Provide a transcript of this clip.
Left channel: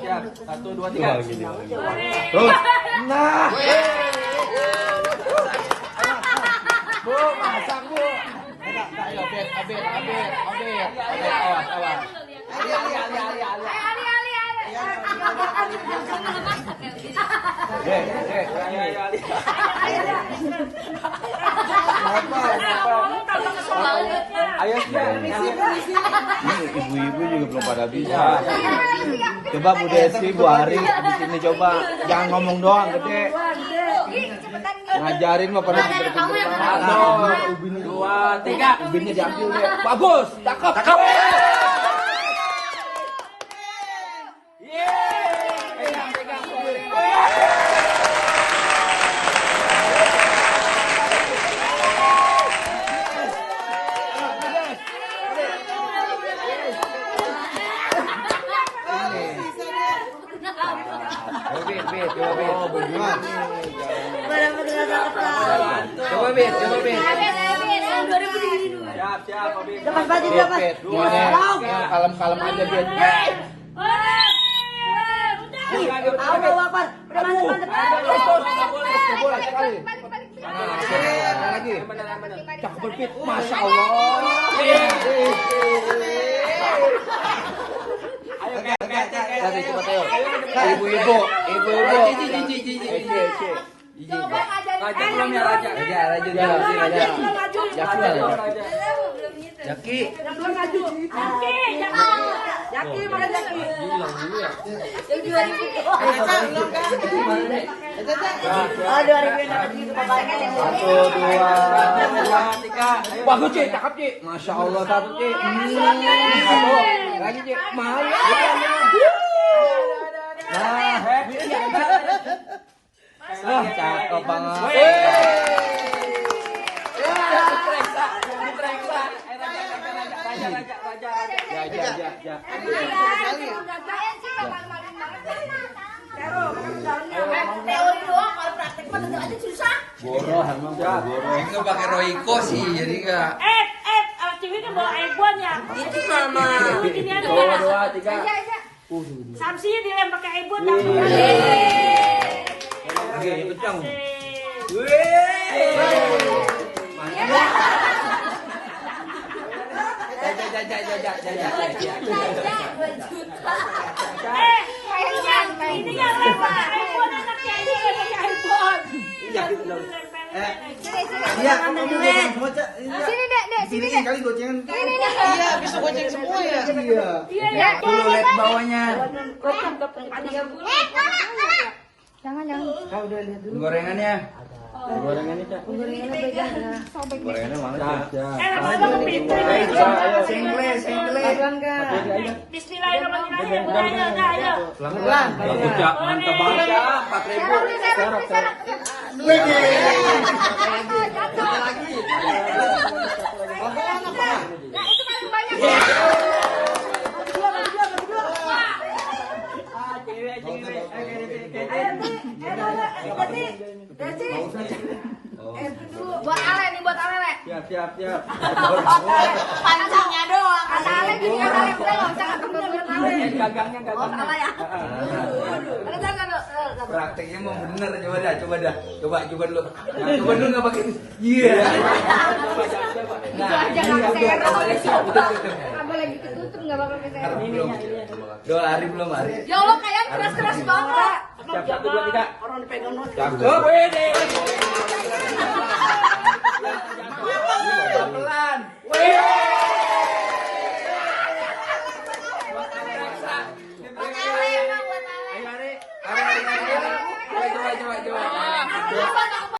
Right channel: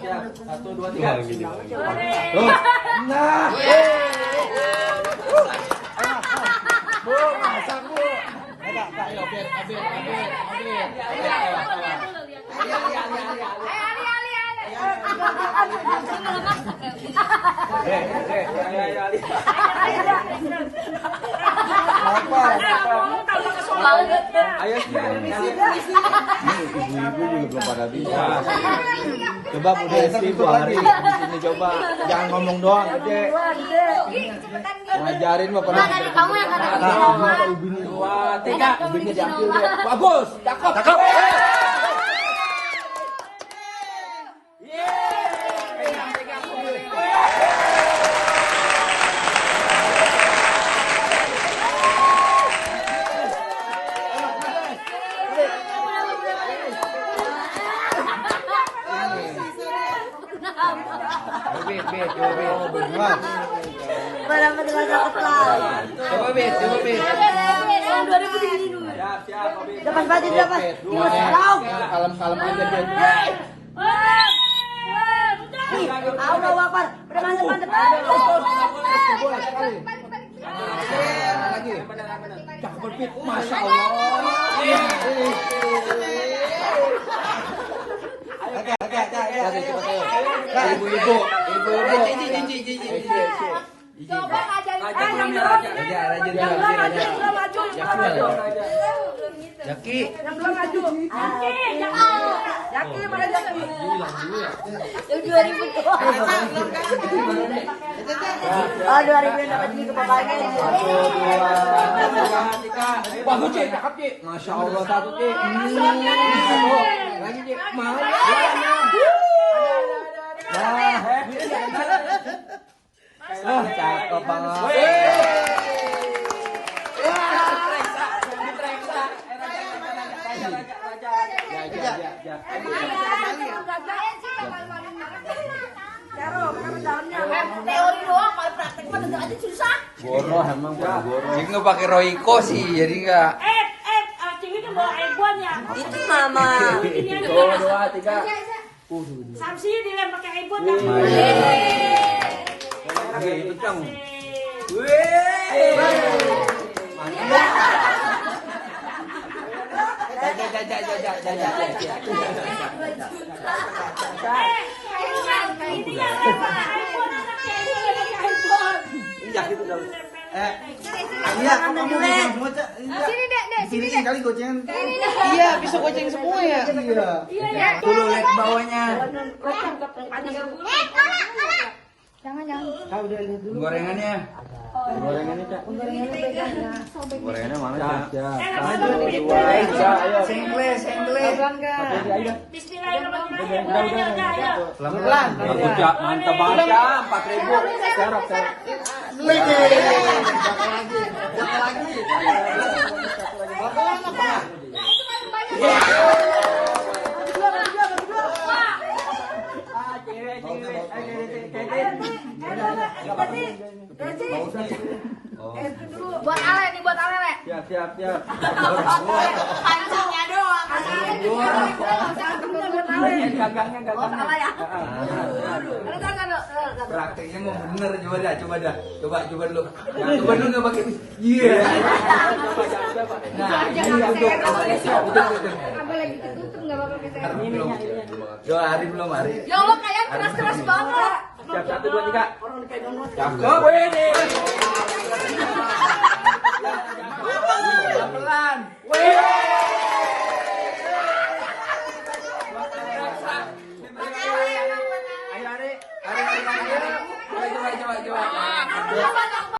siap. 1, 2, 3. Terus. Nah. Bu, masak Bu. Ayo, Abir. Ayo, ini ibu-ibu juga belum pada bisa. Coba Bu Desi, Bu Ari di sini coba. Jangan ngomong doang, gede. Ngajarin mah pada pinter-pinter. Ubin 2, 3. Ubinnya diambil deh. Bagus, cakep. Kalem-kalem aja dia. Allah Akbar. Udah mantep. Boleh sekali. Lagi. Cakep Pit. Masya Allah. Ayo, cepat ayo. Ibu-ibu. Coba Raja belum ya, Raja. Jaki. Jaki mana Jaki? Yang 2000. Oh 2000 yang dapat duit ke bapaknya nih. 1, 2, 3. Bagus Cik, cakep Cik. Masya Allah 1 Cik. Satu. Lagi Cik. Mahal ya. Nah, cakep banget. Teori doang, kalau praktek mah tentu aja susah. Goroh emang goroh. Itu pakai Royco sih, jadi enggak. Cewek kan bawa ebon ya. Itu mama. 1, 2, 3. Samsi dilem pakai ebon ya. Oke, kencang. Ini yang lama ebon anaknya ini pakai ebon. Iya, kamu semua. Sini dek, sini dek. Kali gocengan. Iya, Bisa goceng semua ya. Iya ya. Tuh lihat bawahnya. Gorengannya. Gorengannya, Cak. Gorengannya mana? Cak. Ayo. Satu aja. Bismillahirrahmanirrahim. Bagus Cak, mantap banget Cak. 4.000. Serok. Buat Ale nih, buat Ale. Siap. Pancingnya doang. Ale juga Gagangnya. ya. Prakteknya mau bener, coba dah. Coba dulu. Coba dulu nggak pakai. Iya. Coba. Nah, Abang lagi ketutup nggak apa-apa saya. Dua hari belum hari. Ya Allah, kalian keras banget. Siap 1, 2, 3. Orang dipegang banget. Cakep. Pelan. Ayo, Ari. Coba.